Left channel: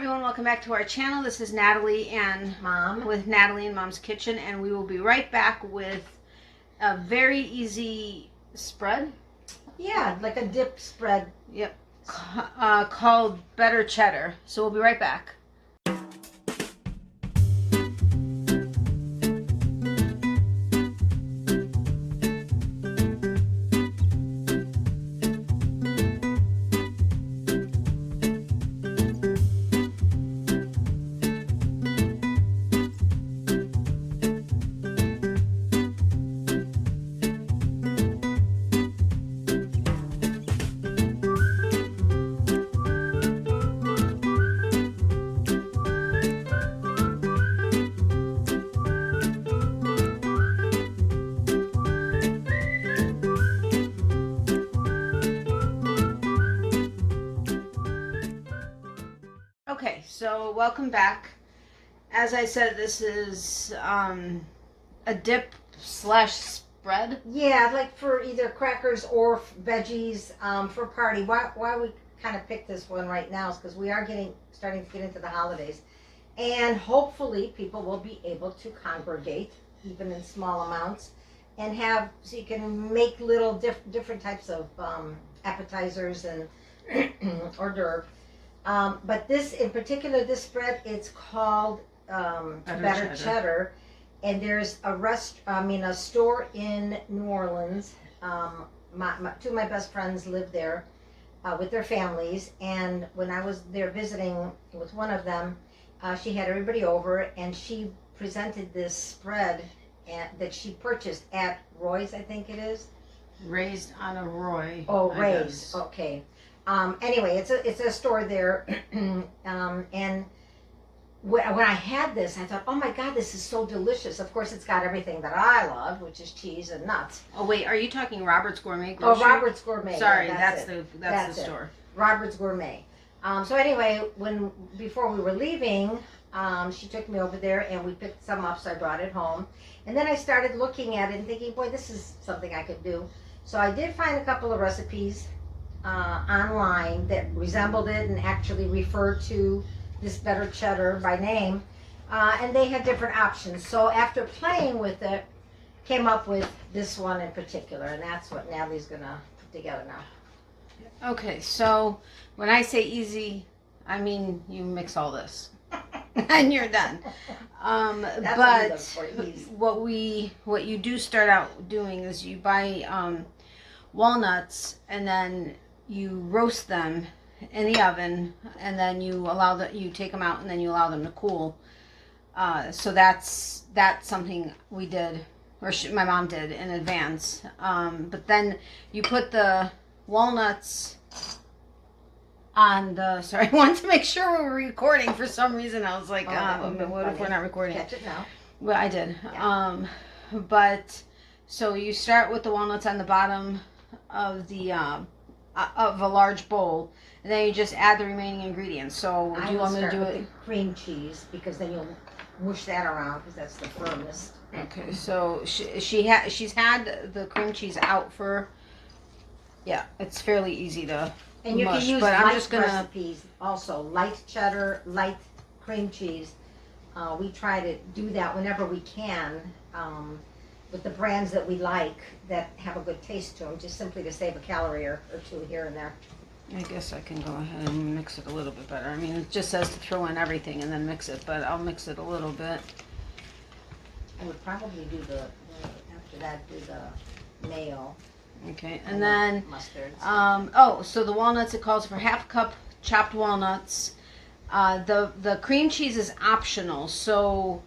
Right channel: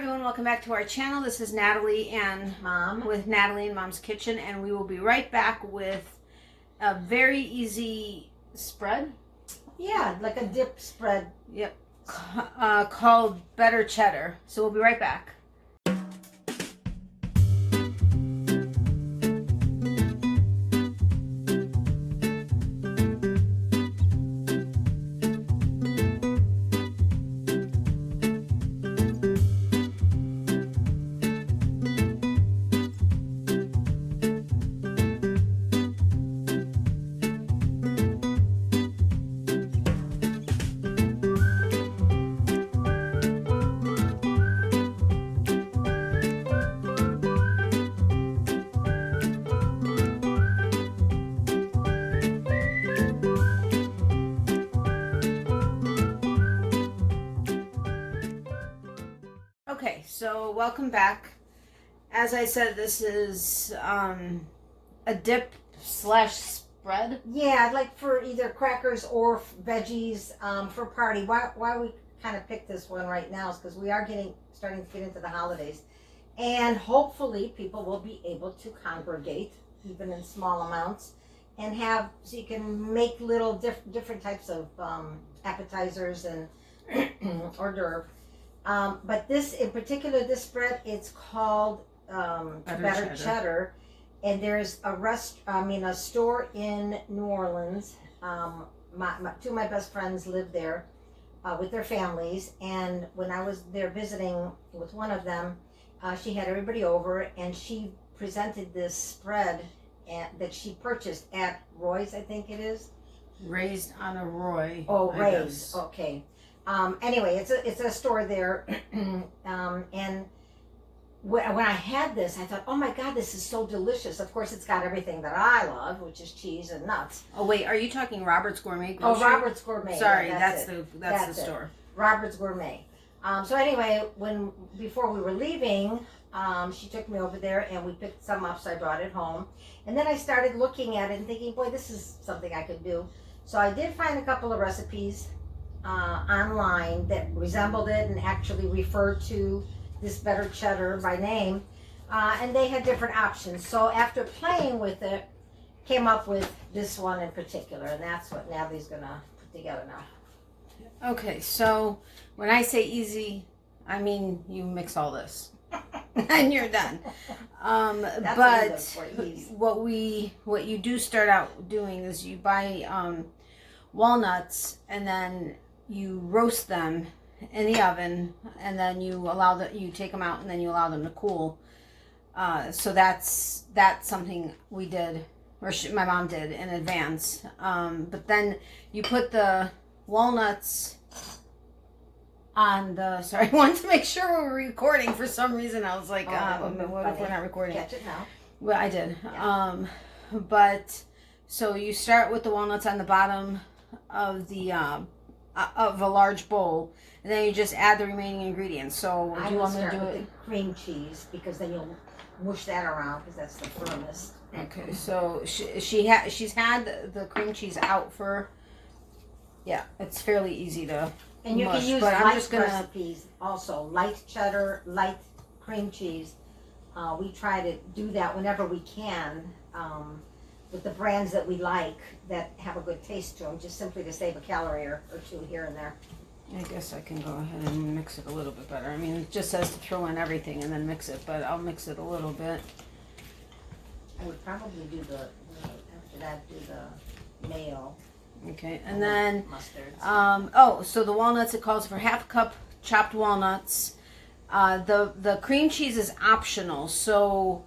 everyone, welcome back to our channel. This is Natalie and Mom with Natalie and Mom's Kitchen, and we will be right back with a very easy spread. Yeah, like a dip spread. Yep. Called Better Cheddar. So we'll be right back. Okay, so welcome back. As I said, this is a dip slash spread. Yeah, like for either crackers or veggies for party. Why we kind of picked this one right now is because we are starting to get into the holidays, and hopefully people will be able to congregate even in small amounts, and so you can make little different types of appetizers and hors d'oeuvre. But this in particular, this spread, it's called Better Cheddar, and there's a store in New Orleans. Two of my best friends live there with their families, and when I was there visiting with one of them, she had everybody over, and she presented this spread that she purchased at Roy's, I think it is. Raised on a Roy. Oh, Raised. Okay. Anyway, it's a store there, and when I had this, I thought, oh my God, this is so delicious. Of course, it's got everything that I love, which is cheese and nuts. Oh wait, are you talking Robert's Gourmet Grocery? Oh, Robert's Gourmet. Sorry, yeah, that's the store. Robert's Gourmet. So anyway, before we were leaving, she took me over there and we picked some up, so I brought it home. And then I started looking at it and thinking, boy, this is something I could do. So I did find a couple of recipes online that resembled it and actually referred to this Better Cheddar by name, and they had different options. So after playing with it, came up with this one in particular, and that's what Natalie's gonna put together now. Okay, so when I say easy, I mean you mix all this and you're done. But what you do start out doing is you buy walnuts, and then you roast them in the oven, and then you take them out, and then you allow them to cool. So that's something we did, or my mom did in advance. But then you put the walnuts on the. Sorry, I wanted to make sure we were recording. For some reason, I was like, what if we're not recording? Catch it now. Well, I did. Yeah. But so you start with the walnuts on the bottom of of a large bowl, and then you just add the remaining ingredients. So do you want me to do it? With the cream cheese, because then you'll mush that around, because that's the firmest. Okay, so she's had the cream cheese out for, yeah, it's fairly easy to and you mush, can use but I'm light just gonna recipes also, light cheddar, light cream cheese. We try to do that whenever we can, with the brands that we like that have a good taste to them, just simply to save a calorie or two here and there. I guess I can go ahead and mix it a little bit better. I mean, it just says to throw in everything and then mix it, but I'll mix it a little bit. I would probably do after that, do the mayo. Okay, and then mustards. So the walnuts, it calls for half a cup chopped walnuts. The cream cheese is optional. So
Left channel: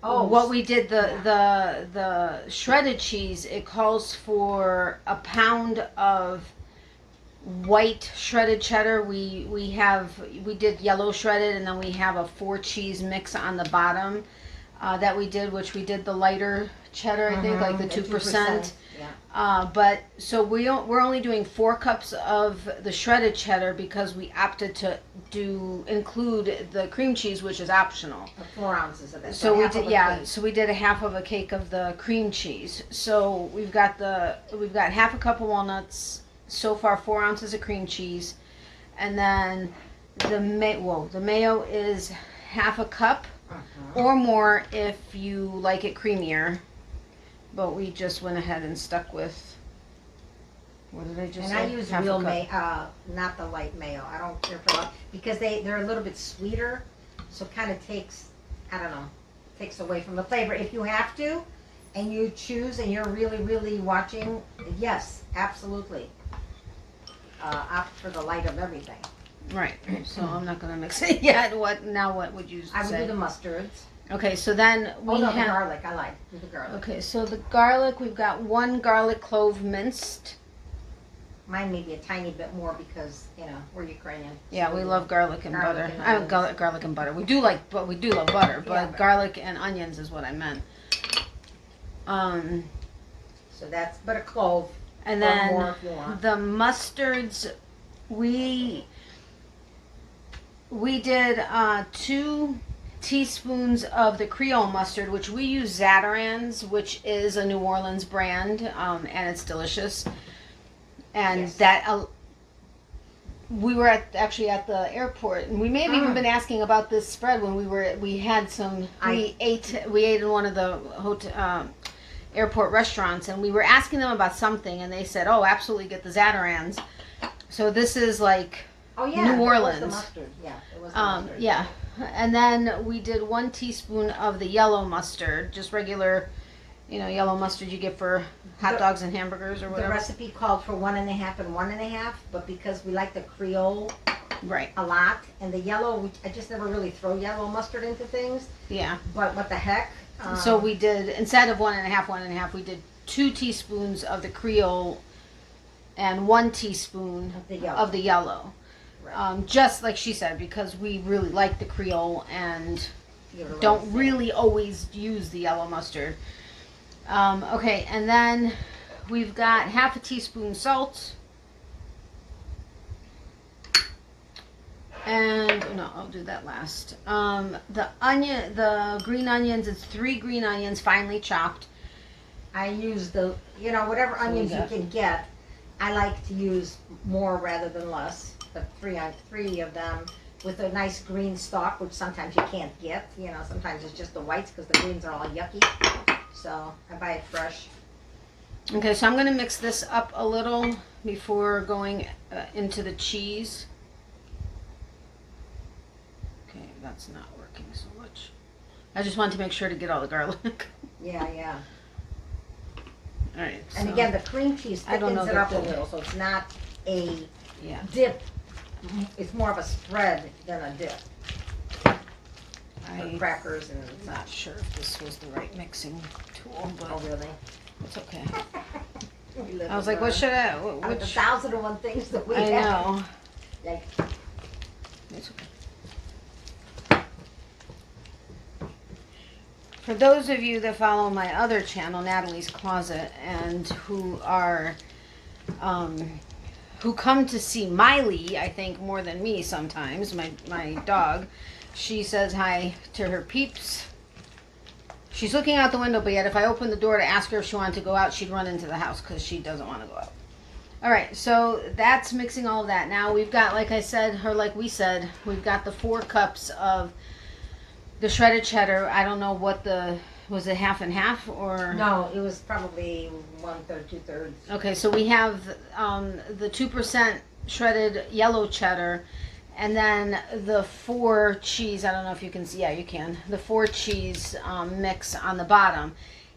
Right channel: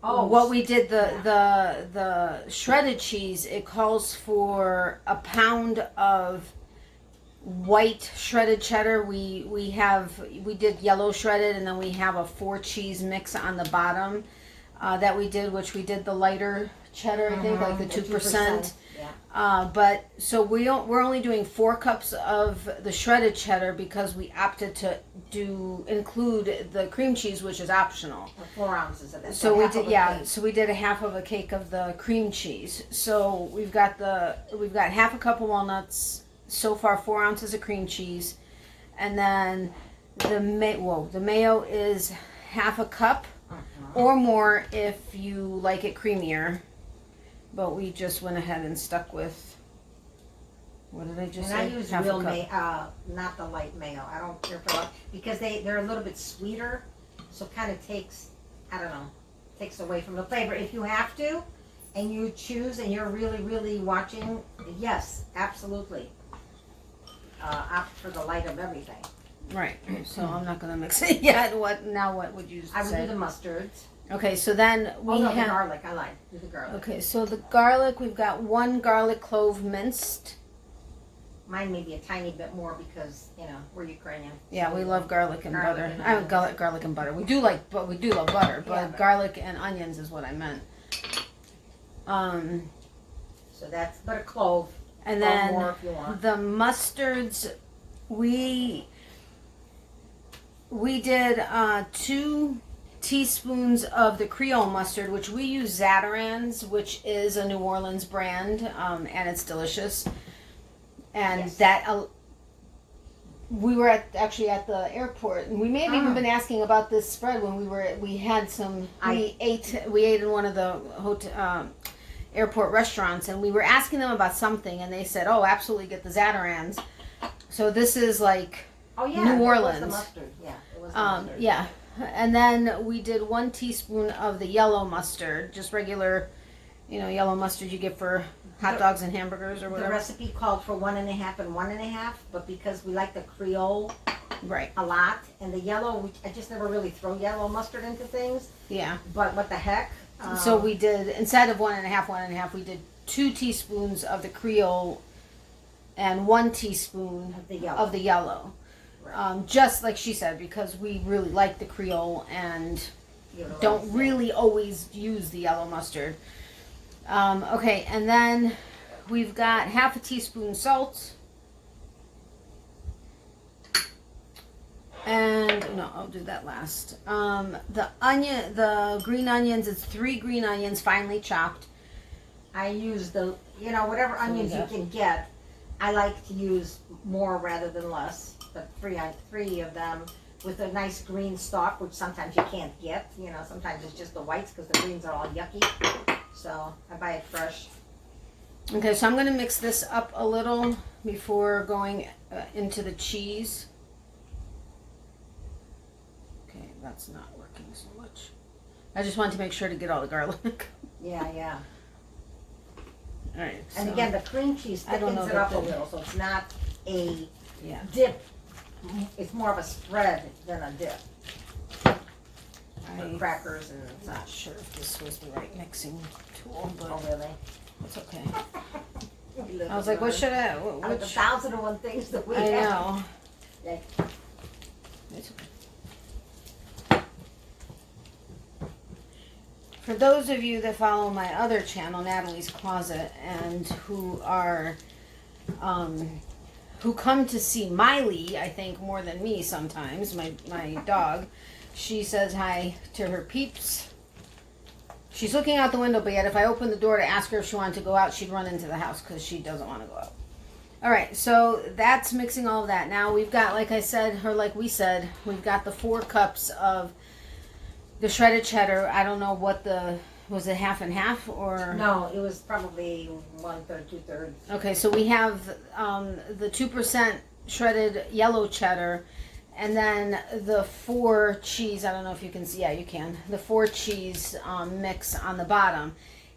what we did, the shredded cheese, it calls for a pound of white shredded cheddar. We did yellow shredded, and then we have a 4 cheese mix on the bottom that we did, which we did the lighter cheddar, I think, like the 2%. Yeah. But so we're only doing 4 cups of the shredded cheddar because we opted to include the cream cheese, which is optional. 4 ounces of it. So we did, so we did a half of a cake of the cream cheese. So we've got half a cup of walnuts. So far, 4 ounces of cream cheese, and then the mayo is half a cup or more if you like it creamier. But we just went ahead and stuck with, what did I just say? And I use Half real a cup. mayo, not the light mayo. I don't care for that because they're a little bit sweeter, so it kind of takes, I don't know, takes away from the flavor. If you have to, and you choose, and you're really, really watching, yes, absolutely. Opt for the light of everything. Right. So I'm not gonna mix it yet. What would you say? I would do the mustards. Okay, so then we the have garlic. I like do the garlic. Okay, so the garlic, we've got 1 garlic clove minced. Mine may be a tiny bit more because we're Ukrainian. Yeah, so we love garlic and butter. and I onions. garlic and butter. We do love butter, but Yeah, but- garlic and onions is what I meant. So that's but a clove. And or then more if you want. the mustards, we did 2 teaspoons of the Creole mustard, which we use Zatarans, which is a New Orleans brand, and it's delicious. And Yes. that we were actually at the airport, and we may have even been asking about this spread when we had some. We ate in one of the hotel. Airport restaurants, and we were asking them about something, and they said, "Oh, absolutely, get the Zatarans." So this is like New Orleans. It was the mustard. Yeah, it was the mustard. Yeah. And then we did 1 teaspoon of the yellow mustard, just regular, yellow mustard you get for hot dogs and hamburgers or The whatever. recipe called for 1.5 and 1.5, but because we like the Creole Right. a lot, and the yellow, I just never really throw yellow mustard into things. Yeah. But what the heck? So we did, instead of 1.5, we did 2 teaspoons of the Creole and 1 teaspoon of the yellow. Right. Just like she said, because we really like the Creole and You're right. don't really always use the yellow mustard. Okay, and then we've got half a teaspoon salt. And no, I'll do that last. The green onions, it's 3 green onions finely chopped. I use whatever So onions we you got- can get. I like to use more rather than less. The three of them with a nice green stalk, which sometimes you can't get. Sometimes it's just the whites because the greens are all yucky. So I buy it fresh. Okay, so I'm going to mix this up a little before going into the cheese. Okay, that's not working so much. I just wanted to make sure to get all the garlic. Yeah. All right. And so- again, the cream cheese I don't know thickens it that up a the- little, so it's not a yeah. dip. It's more of a spread than a dip. I'm Crackers and not sure if this was the right mixing tool, but oh really? it's okay. We live I was and like, what learn. should I? Out of the Which? 1,001 things that we I have. know. Like, It's okay. For those of you that follow my other channel, Natalie's Closet, and who are, who come to see Miley, I think more than me sometimes, my dog, she says hi to her peeps. She's looking out the window, but yet if I open the door to ask her if she wanted to go out, she'd run into the house because she doesn't want to go out. All right, so that's mixing all of that. Now we've got, like I said, or like we said, we've got the 4 cups of the shredded cheddar. I don't know what was it half and half or? no, it was probably 1/3, 2/3. Okay, so we have the 2% shredded yellow cheddar, and then the 4 cheese. I don't know if you can see. Yeah, you can. The 4 cheese mix on the bottom.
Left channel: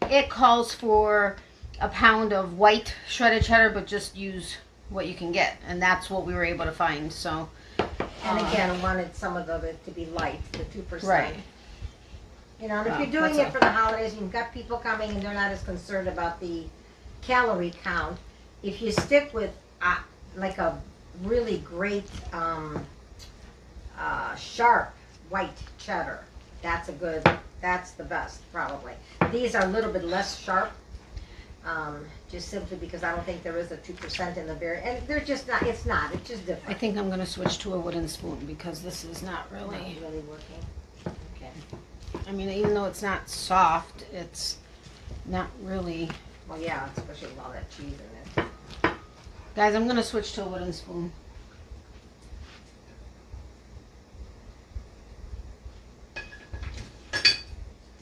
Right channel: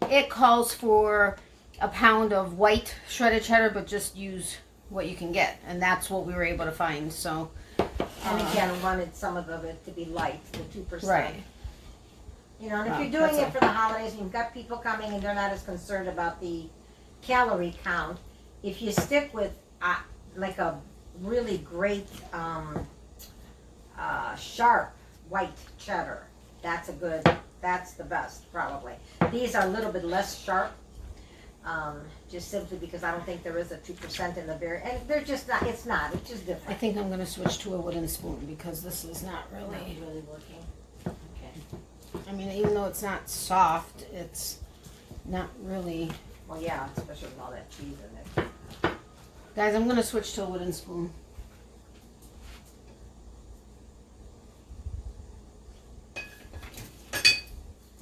It calls for a pound of white shredded cheddar, but just use what you can get, and that's what we were able to find. So, And again, wanted some of it to be light, the 2%. right. And if Wow, you're doing that's it for the holidays, and you've got people coming and they're not as concerned about the calorie count, if you stick with like a really great sharp white cheddar, that's the best probably. These are a little bit less sharp, just simply because I don't think there is a 2% in the and they're just not, it's just different. I think I'm going to switch to a wooden spoon because this is not really. Not really working. Okay. I mean, even though it's not soft, it's not really. Well, yeah, especially with all that cheese in it. Guys, I'm going to switch to a wooden spoon.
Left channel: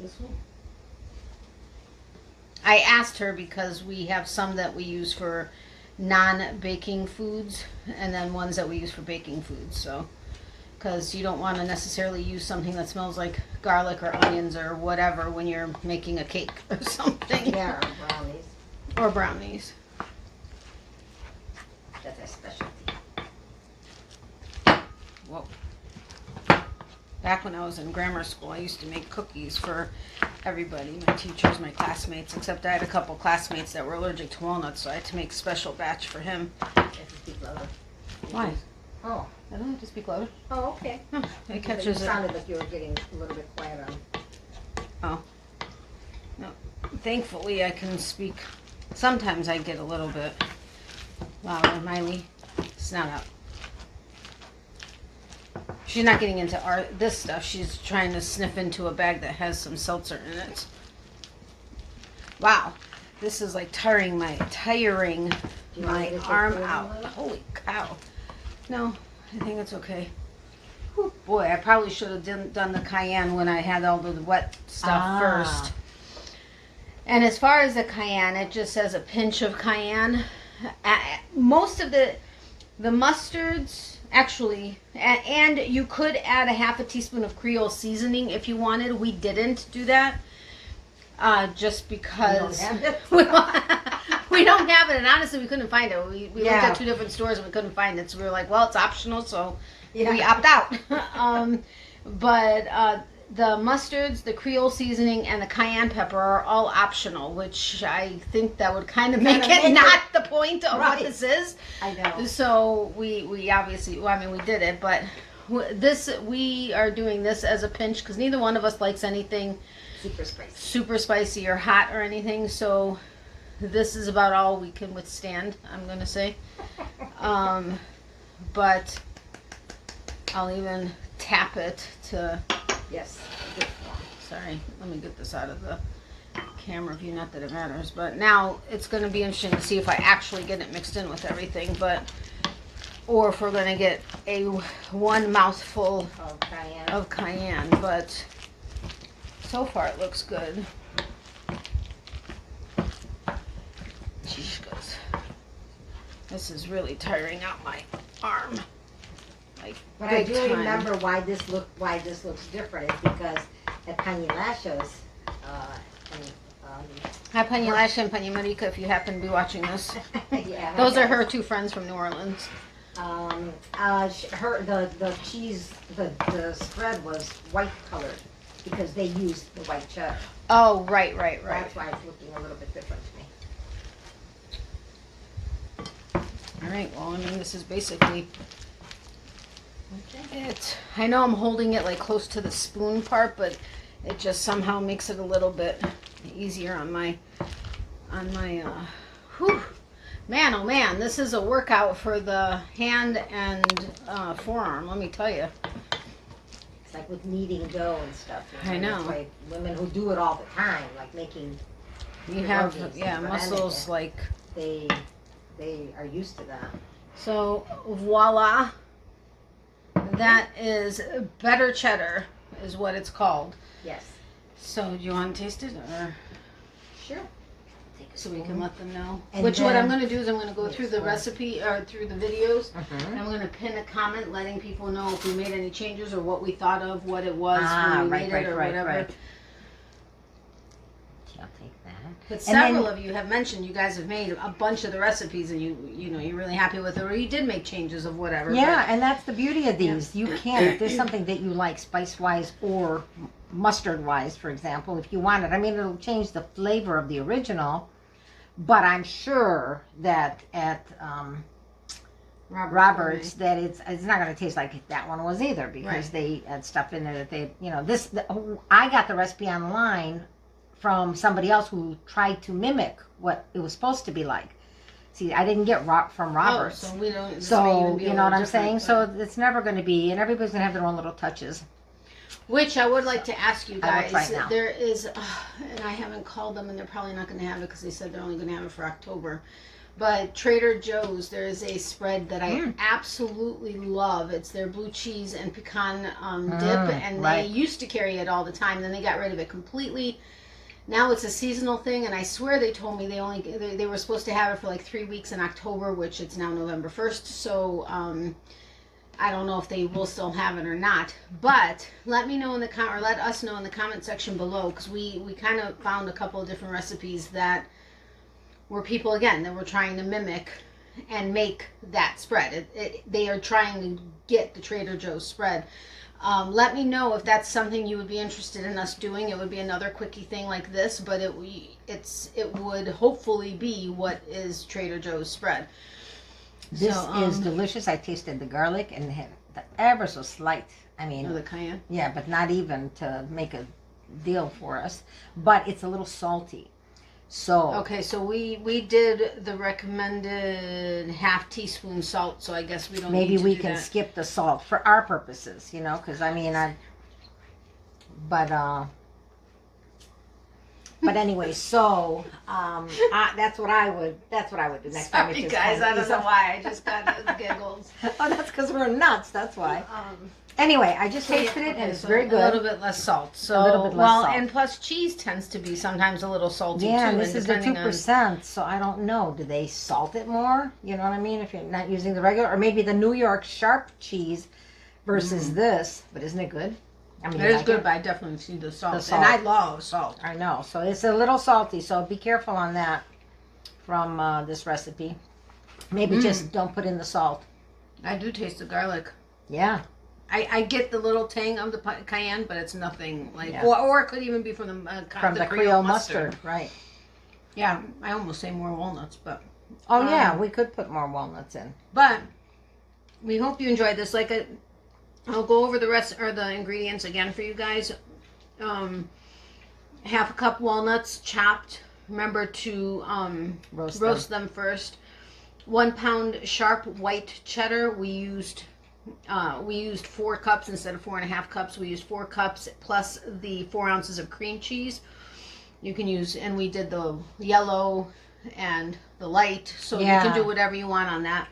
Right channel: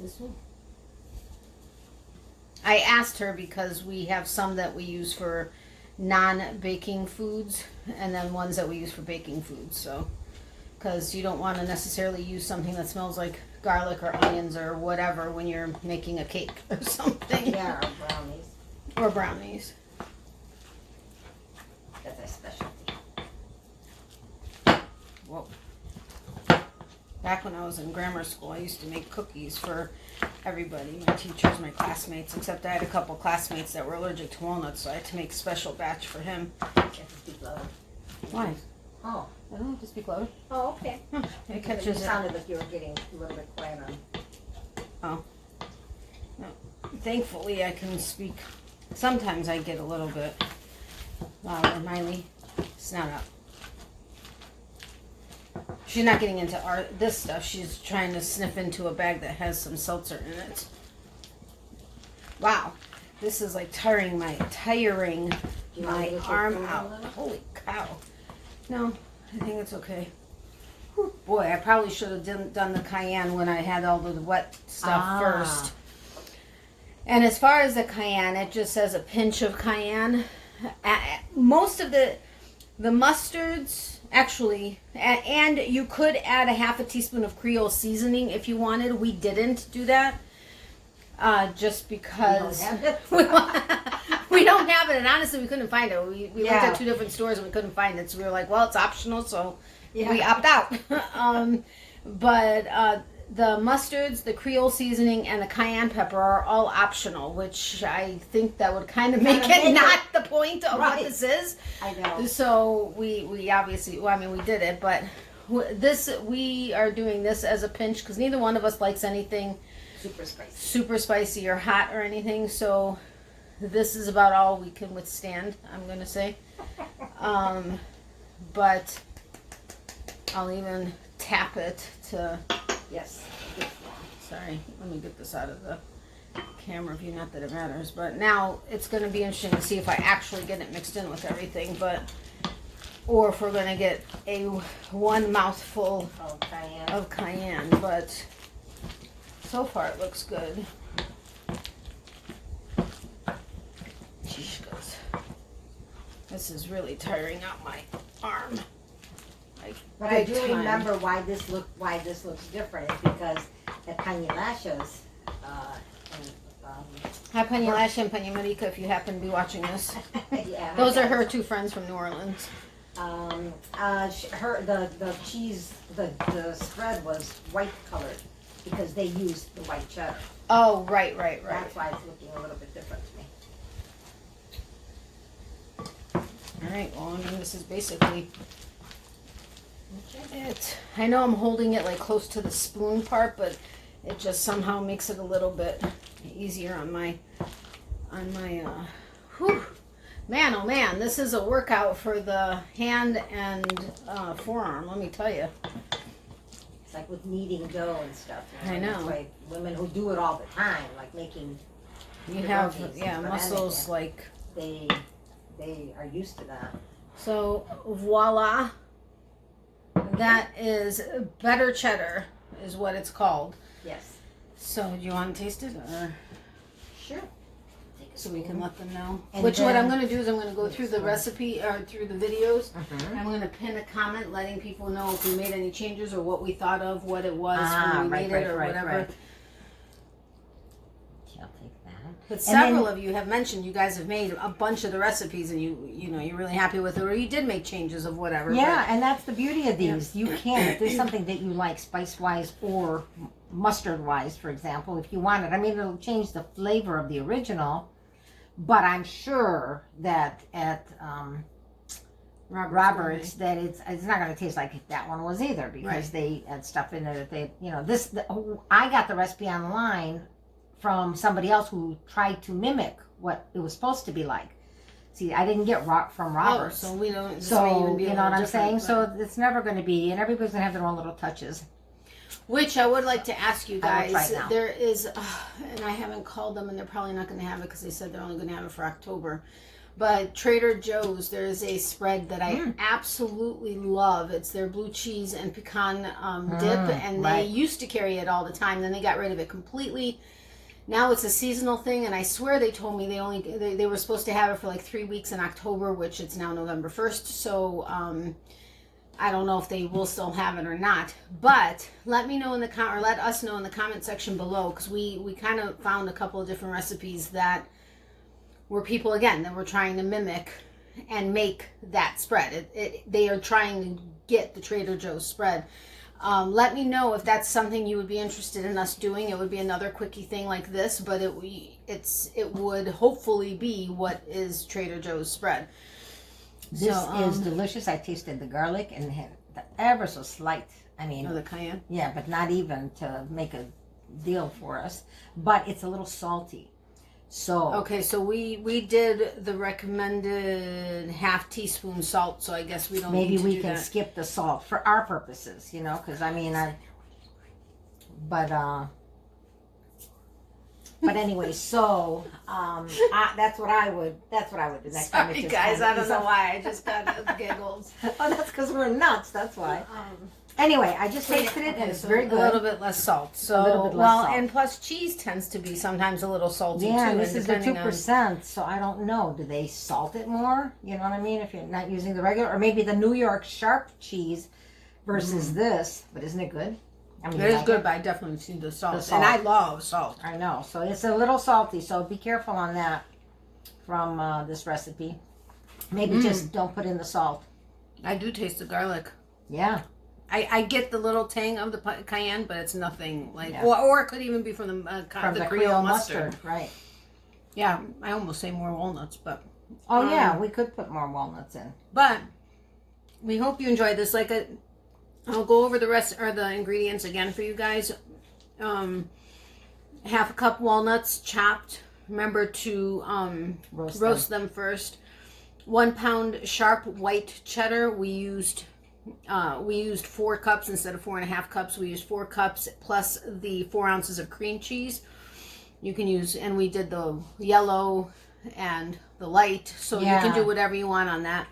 this one? I asked her because we have some that we use for non-baking foods and then ones that we use for baking foods. So, because you don't want to necessarily use something that smells like garlic or onions or whatever when you're making a cake or something. Yeah, or brownies. Or brownies. That's a specialty. Whoa. Back when I was in grammar school, I used to make cookies for everybody, my teachers, my classmates, except I had a couple classmates that were allergic to walnuts, so I had to make a special batch for him. You have to speak louder. Why? Oh. I don't have to speak louder. Oh, okay. Huh, it catches it. sounded like you were getting a little bit quiet on. No. Thankfully, I can speak. Sometimes I get a little bit louder. Miley, snout out. She's not getting into this stuff. She's trying to sniff into a bag that has some seltzer in it. Wow, this is like tiring my arm out. Holy cow! No, I think it's okay. Whew, boy, I probably should have done the cayenne when I had all the wet stuff first. And as far as the cayenne, it just says a pinch of cayenne. Most of the mustards. Actually, and you could add a half a teaspoon of Creole seasoning if you wanted. We didn't do that, just because we don't have it, and honestly, we couldn't find it. We looked at 2 different stores and we couldn't find it, so we were like, well, it's optional, so we opt out. But the mustards, the Creole seasoning, and the cayenne pepper are all optional, which I think that would kind of make it not the point of what this is. I know. So we obviously, well, I mean, we did it, but we are doing this as a pinch because neither one of us likes anything super spicy or hot or anything. So this is about all we can withstand, I'm going to say. But I'll even tap it to... Yes. Sorry, let me get this out of the camera view, not that it matters, but now it's going to be interesting to see if I actually get it mixed in with everything, or if we're going to get one mouthful of cayenne, but so far it looks good. Sheesh, goes. This is really tiring out my arm. But I do remember why this looks different is because the Pañalachos. Hi, Pañalacha and Paña Marica, if you happen to be watching this. Yeah, those are her 2 friends from New Orleans. The cheese, the spread was white colored because they used the white cheddar. Oh, right. That's why it's looking a little bit different to me. All right. Well, I mean, this is basically it. I know I'm holding it like close to the spoon part, but it just somehow makes it a little bit easier on my whew. Man, oh man, this is a workout for the hand and forearm, let me tell you. It's like with kneading dough and stuff. I know. That's why women who do it all the time, like making... You have, muscles like... They are used to that. So, voila. That is better cheddar, is what it's called. Yes. So, do you want to taste it, or? Sure. So we can let them know. And what then, I'm going to do is I'm going to go through the recipe, or through the videos. I'm going to pin a comment letting people know if we made any changes or what we thought of, what it was when we made it, or whatever. Right. I'll take that. But several of you have mentioned you guys have made a bunch of the recipes, and you're really happy with it, or you did make changes of whatever. Yeah, and that's the beauty of these. You can, if there's something that you like spice-wise or mustard-wise, for example, if you want it. I mean, it'll change the flavor of the original, but I'm sure that at Robert's that it's not going to taste like that one was either, because they had stuff in there that I got the recipe online from somebody else who tried to mimic what it was supposed to be like. See, I didn't get from Robert's. Oh, so we don't. So, you know what I'm saying? So it's never going to be, and everybody's going to have their own little touches. Which I would like to ask you guys. Right now. There is, and I haven't called them, and they're probably not going to have it because they said they're only going to have it for October. But Trader Joe's, there's a spread that I absolutely love. It's their blue cheese and pecan dip, and they used to carry it all the time. Then they got rid of it completely. Now it's a seasonal thing, and I swear they told me they were supposed to have it for like 3 weeks in October, which it's now November 1st. So I don't know if they will still have it or not. But let me know in the or let us know in the comment section below, because we kind of found a couple of different recipes that were people, again, that were trying to mimic and make that spread. They are trying to get the Trader Joe's spread. Let me know if that's something you would be interested in us doing. It would be another quickie thing like this, but it would hopefully be what is Trader Joe's spread. This is delicious. I tasted the garlic and the ever so slight. I mean, the cayenne. Yeah, but not even to make a deal for us. But it's a little salty. So okay, so we did the recommended ½ teaspoon salt, so I guess we don't maybe need to we do can that. skip the salt for our purposes, you know, because I mean but anyway, so that's what I would do next time. Sorry guys, I don't know why I just got the giggles. Oh, that's because we're nuts. That's why. Anyway, I just tasted it, and it's so very good. A little bit less salt. So, a little bit less salt. And plus cheese tends to be sometimes a little salty too. Yeah, this is the 2%, on... so I don't know. Do they salt it more? You know what I mean? If you're not using the regular, or maybe the New York sharp cheese versus this. But isn't it good? I mean, it is good, but I definitely see the salt. And I love salt. I know. So it's a little salty, so be careful on that from this recipe. Maybe just don't put in the salt. I do taste the garlic. Yeah. I get the little tang of the cayenne, but it's nothing like, or it could even be from the Creole Mustard. Right. Yeah, I almost say more walnuts, but. Oh yeah, we could put more walnuts in. But we hope you enjoyed this. I'll go over the rest or the ingredients again for you guys. ½ cup walnuts chopped. Remember to roast them first. 1 pound sharp white cheddar. We used 4 cups instead of 4.5 cups. We used 4 cups plus the 4 ounces of cream cheese. You can use, and we did the yellow and the light, so you can do whatever you want on that.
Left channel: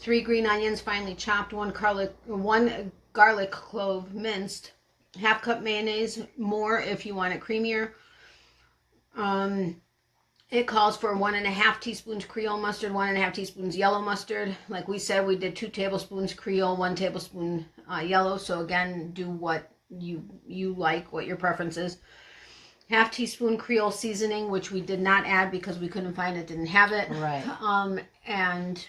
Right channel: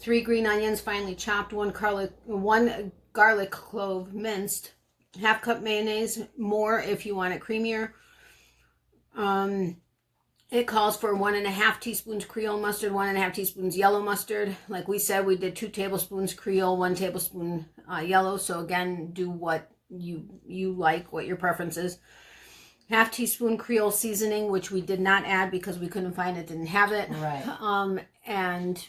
3 green onions finely chopped. 1 garlic clove minced. ½ cup mayonnaise, more if you want it creamier. It calls for 1.5 teaspoons Creole mustard, 1.5 teaspoons yellow mustard. Like we said, we did 2 tablespoons Creole, 1 tablespoon yellow. So again, do what you like, what your preference is. ½ teaspoon Creole seasoning, which we did not add because we couldn't find it, didn't have it. Right. And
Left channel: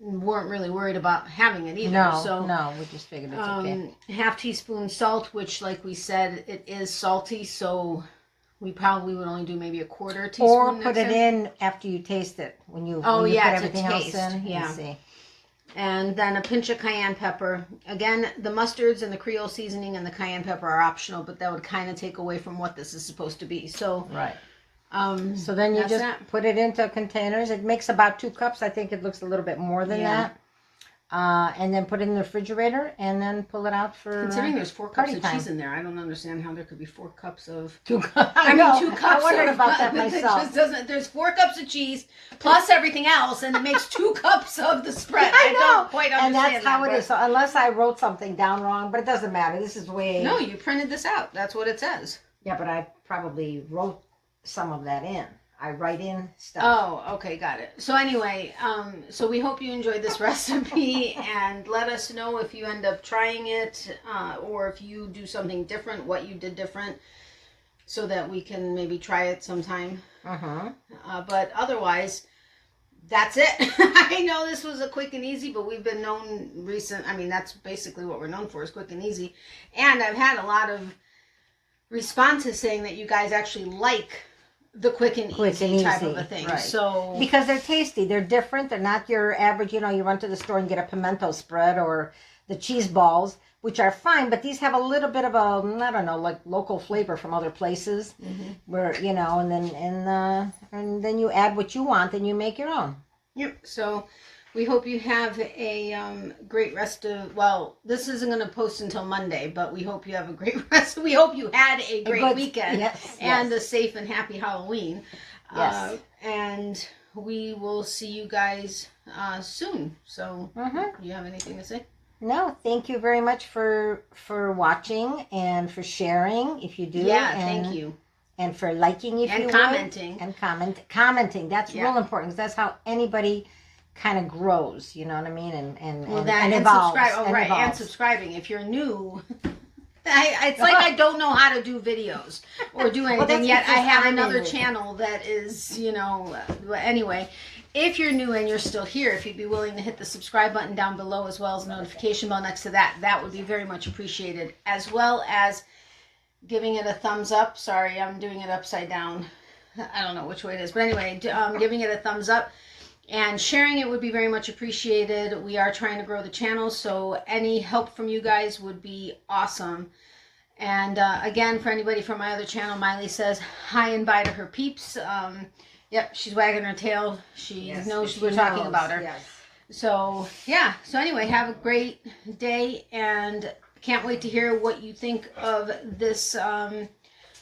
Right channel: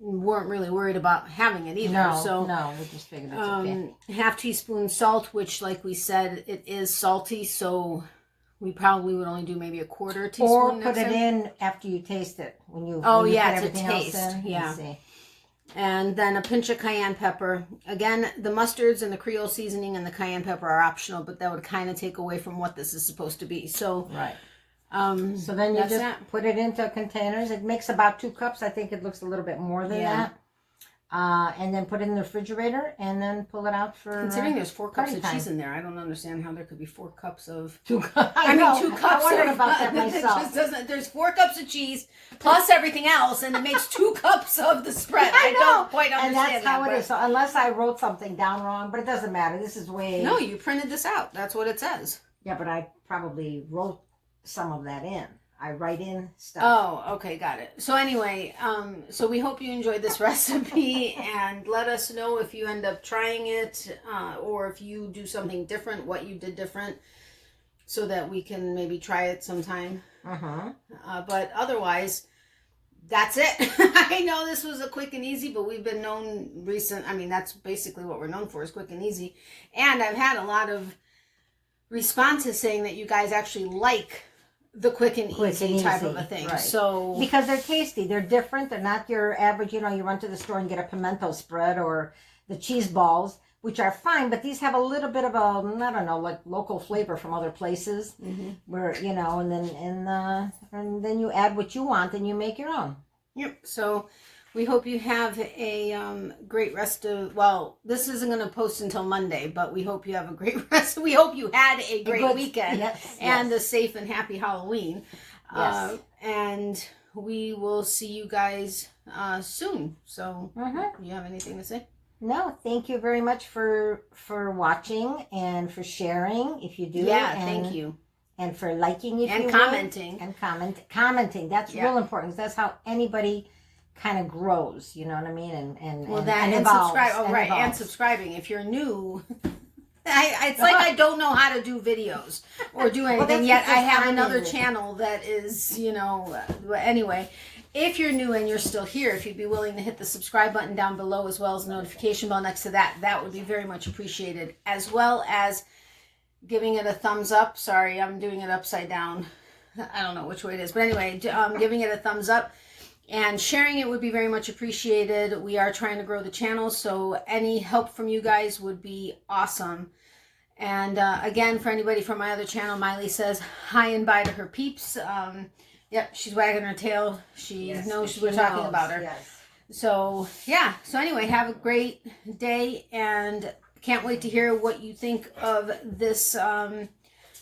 weren't really worried about having it either. No, we just figured it's okay. ½ teaspoon salt, which like we said, it is salty, so we probably would only do maybe 1/4 teaspoon. Or put it in after you taste it. When you put everything else in. Yeah. See. And then a pinch of cayenne pepper. Again, the mustards and the Creole seasoning and the cayenne pepper are optional, but that would kind of take away from what this is supposed to be. So right. So then you just put it into containers. It makes about 2 cups. I think it looks a little bit more than that. And then put it in the refrigerator and then pull it out for considering there's 4 cups of cheese in there, I don't understand how there could be 4 cups of 2 cups. I mean 2 cups. I wondered about that myself. It just doesn't. There's 4 cups of cheese plus everything else, and it makes 2 cups of the spread. I don't quite understand. And that's how it is. So unless I wrote something down wrong, but it doesn't matter. This is way. No, you printed this out. That's what it says. Yeah, but I probably wrote some of that in. I write in stuff. Oh, okay, got it. So anyway, so we hope you enjoyed this recipe, and let us know if you end up trying it, or if you do something different, what you did different, so that we can maybe try it sometime. But otherwise, that's it. I know this was a quick and easy, but we've been known that's basically what we're known for, is quick and easy. And I've had a lot of responses saying that you guys actually like the quick and easy type of a thing. Right. So because they're tasty, they're different. They're not your average, you run to the store and get a pimento spread or the cheese balls, which are fine, but these have a little bit of a, I don't know, like local flavor from other places, where, and then you add what you want and you make your own. Yep. So we hope you have a great rest of, this isn't going to post until Monday, but we hope you have a great rest. We hope you had a great weekend and a safe and happy Halloween. Yes. And we will see you guys soon. So, Mm-hmm. do you have anything to say? No, thank you very much for watching and for sharing if you do. Yeah, and, thank you. And for liking if And you commenting. would. And commenting. That's real important, because that's how anybody kind of grows, you know what I mean? And evolves. Subscribe. Oh, and right. evolves. And subscribing. If you're new, it's like I don't know how to do videos or do anything yet. I have another channel that is, anyway. If you're new and you're still here, if you'd be willing to hit the subscribe button down below, as well as the notification bell next to that, that would be very much appreciated. As well as giving it a thumbs up. Sorry, I'm doing it upside down. I don't know which way it is. But anyway, giving it a thumbs up and sharing it would be very much appreciated. We are trying to grow the channel, so any help from you guys would be awesome. And again, for anybody from my other channel, Miley says hi and bye to her peeps. Yep, she's wagging her tail. She knows we're talking about her. Yes. So, yeah. So anyway, have a great day, and can't wait to hear what you think of this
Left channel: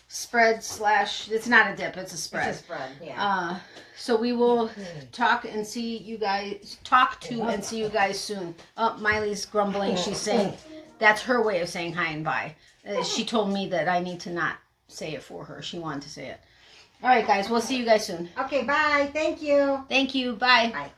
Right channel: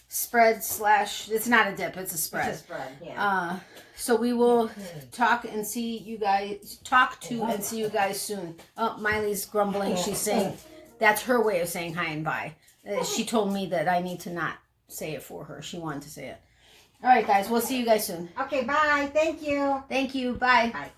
spread / it's not a dip, it's a spread. It's a spread, yeah. So we will talk to and see you guys soon. Oh, Miley's grumbling. She's saying that's her way of saying hi and bye. She told me that I need to not say it for her. She wanted to say it. All right, guys. We'll see you guys soon. Okay, bye. Thank you. Thank you. Bye. Bye.